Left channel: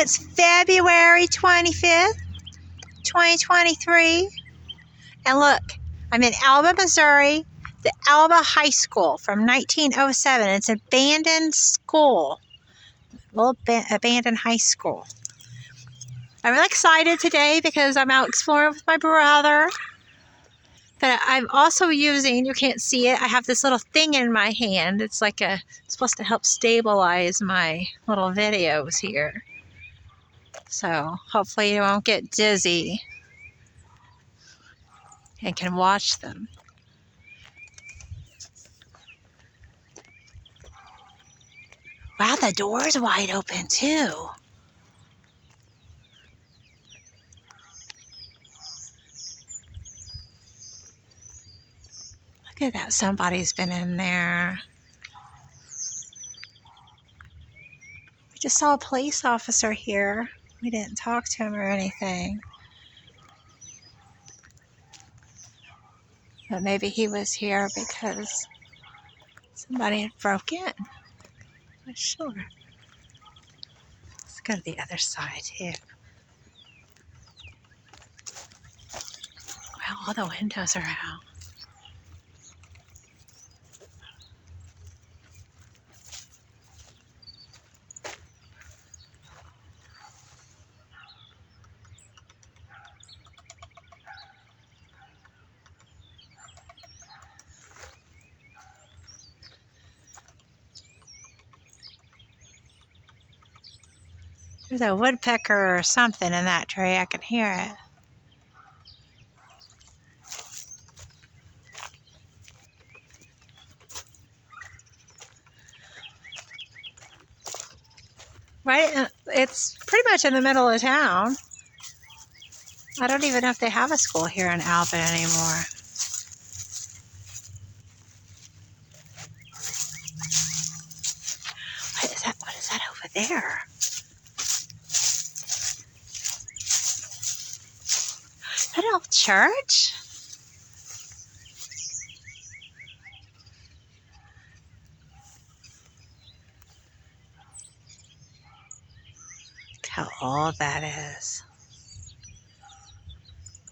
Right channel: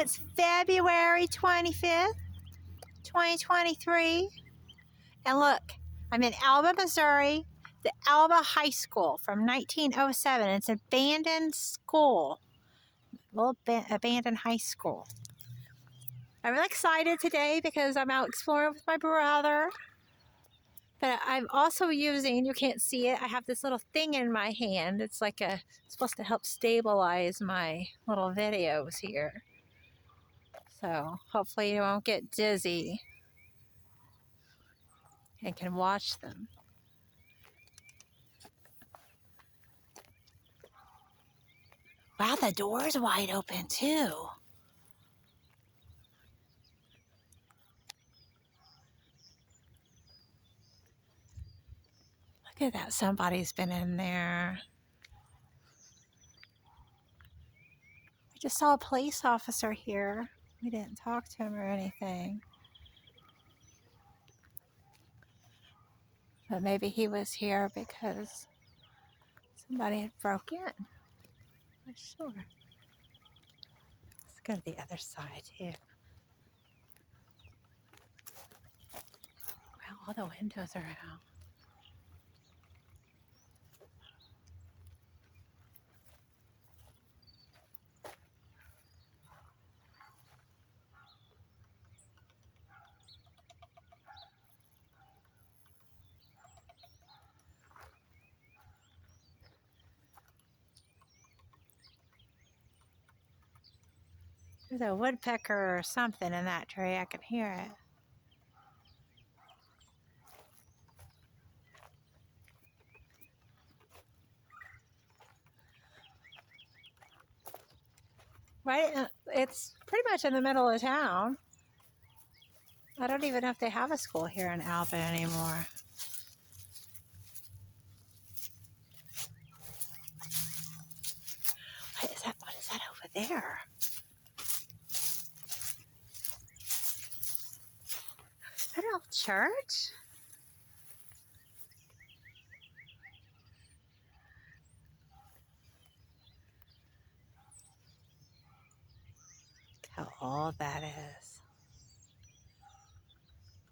it's February 25th, 2023. And look, I'm in Alba, Missouri, the Alba High School from 1907. It's an abandoned school, little abandoned high school. I'm really excited today because I'm out exploring with my brother. But I'm also using, you can't see it, I have this little thing in my hand. It's like it's supposed to help stabilize my little videos here. So hopefully you won't get dizzy and can watch them. Wow, the door's wide open too. Look at that, somebody's been in there. We just saw a police officer here. We didn't talk to him or anything. But maybe he was here because somebody had broke in. I'm not sure. Let's go to the other side too. Wow, all the windows are out. There's a woodpecker or something in that tree. I can hear it. Right? It's pretty much in the middle of town. I don't even know if they have a school here in Alba anymore. What is that? What is that over there? Is that an old church? Look how old that is.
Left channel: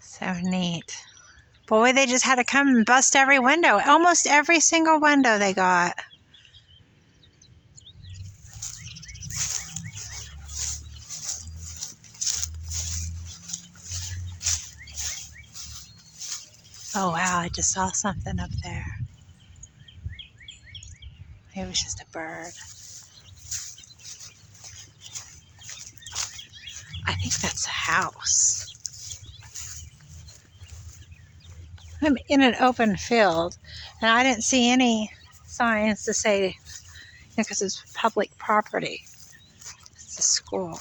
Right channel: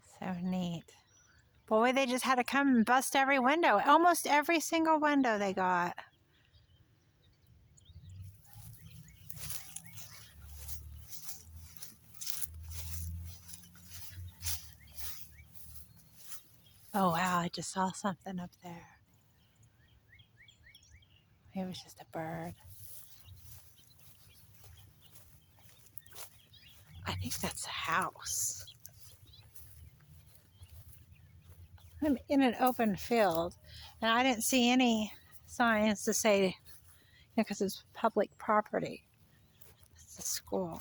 So neat. Boy, they just had to come and bust every window. Almost every single window they got. Oh wow, I just saw something up there. Maybe it was just a bird. I think that's a house. I'm in an open field, and I didn't see any signs to say, because it's public property. It's a school.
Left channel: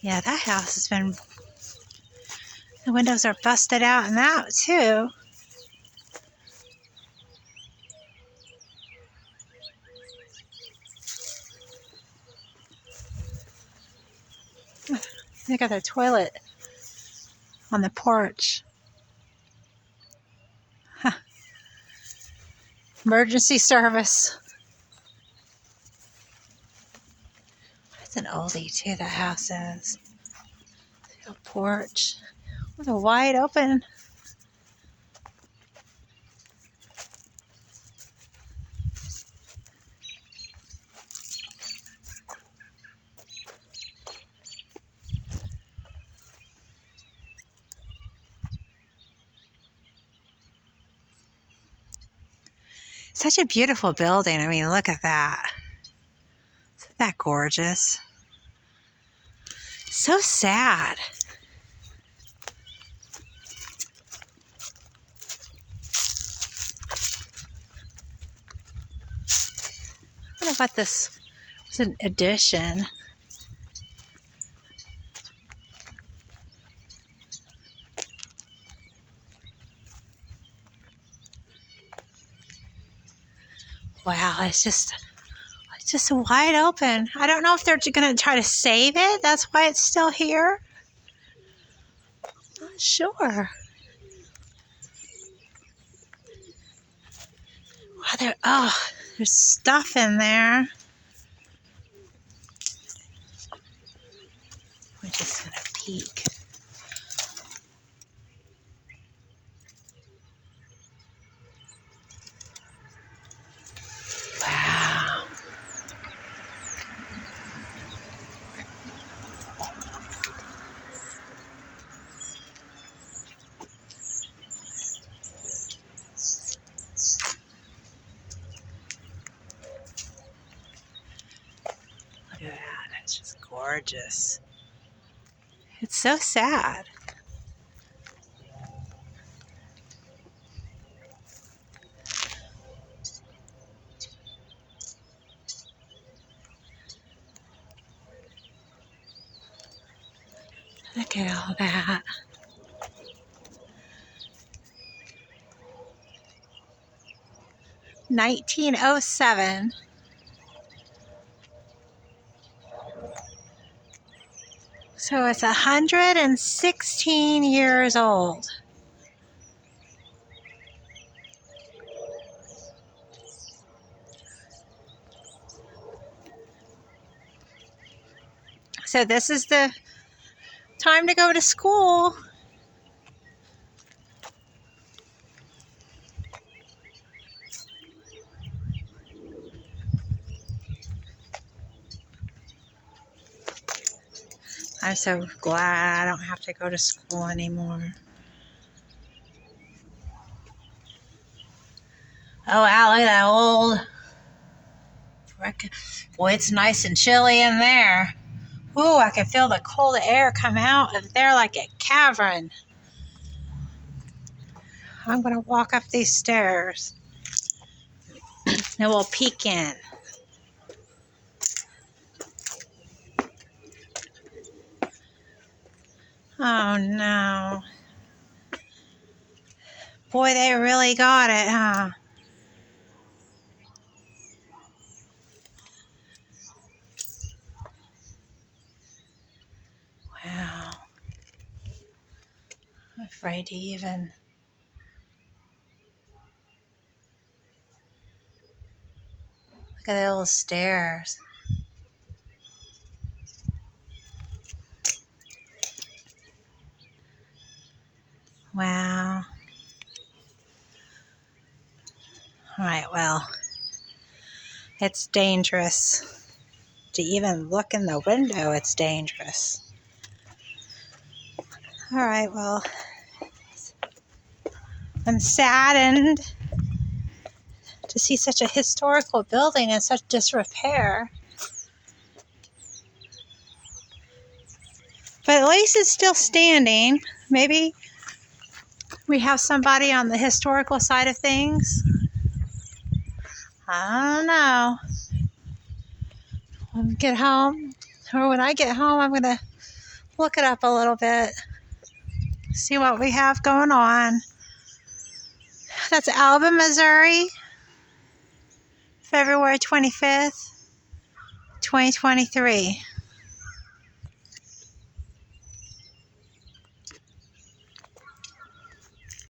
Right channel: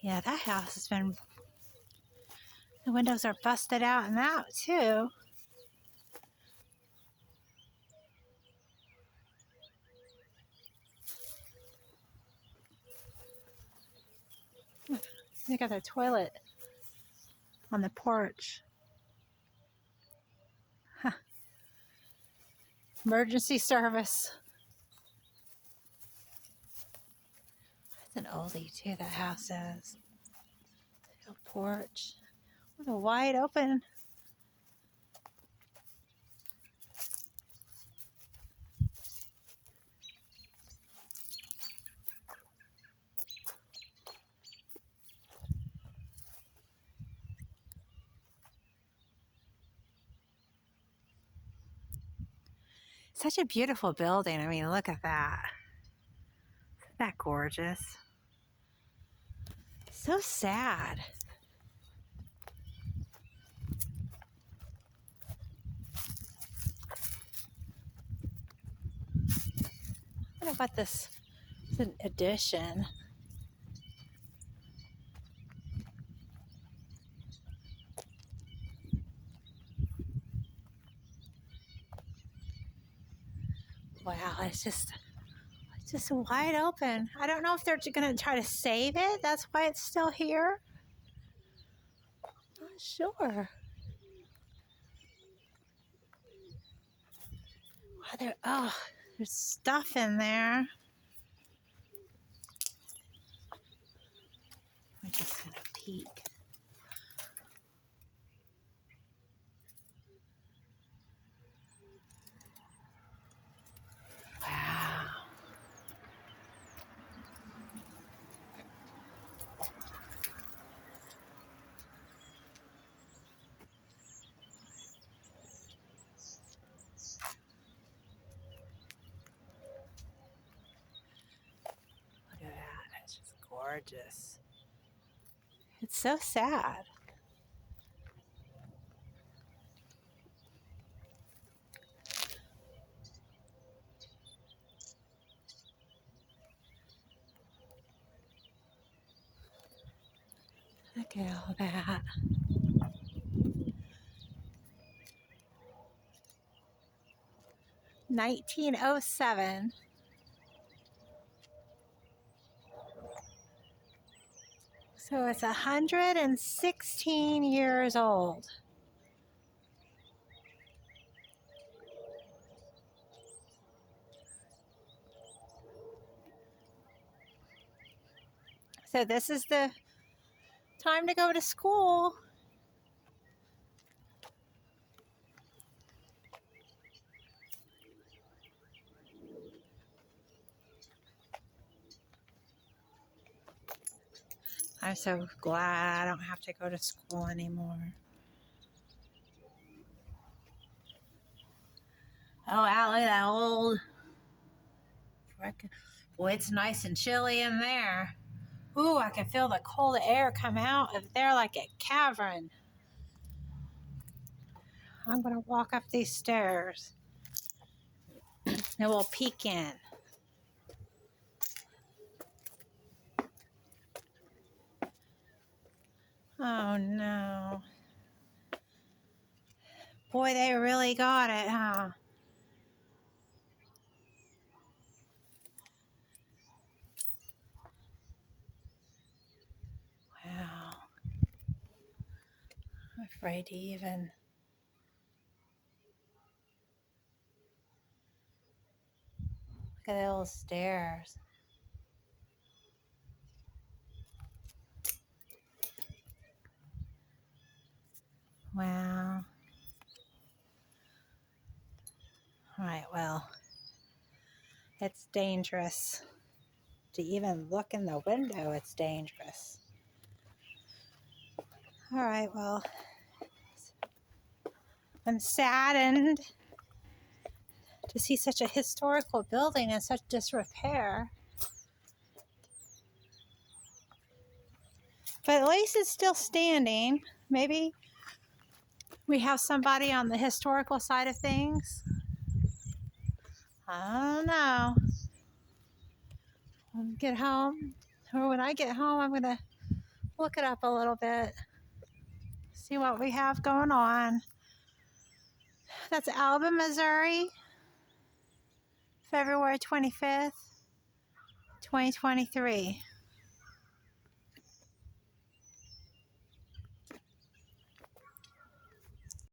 Yeah, that house has been, the windows are busted out and out too. They got their toilet on the porch. Huh. Emergency service. It's an oldie too, that house is. A porch with a wide open. Such a beautiful building. I mean, look at that. Isn't that gorgeous? So sad. I wonder what this was, an addition. Wow, it's just wide open. I don't know if they're going to try to save it. That's why it's still here. sure. There's stuff in there. We're just gonna peek. Wow. Look at that. That's just gorgeous. It's so sad. Look at all that. "1907. So it's 116 years old. So this is the time to go to school. I'm so glad I don't have to go to school anymore. Oh, wow, look at that old... Boy, it's nice and chilly in there. Ooh, I can feel the cold air come out of there like a cavern. I'm going to walk up these stairs. And we'll peek in. Oh, no. Boy, they really got it, huh? Wow. I'm afraid to even... Look at the little stairs. Wow. All right, well, it's dangerous. To even look in the window, it's dangerous. All right, well, I'm saddened to see such a historical building in such disrepair. But at least it's still standing. Maybe we have somebody on the historical side of things. I don't know. When we get home, or when I get home, I'm going to look it up a little bit. See what we have going on. That's Alba, Missouri, February 25th, 2023.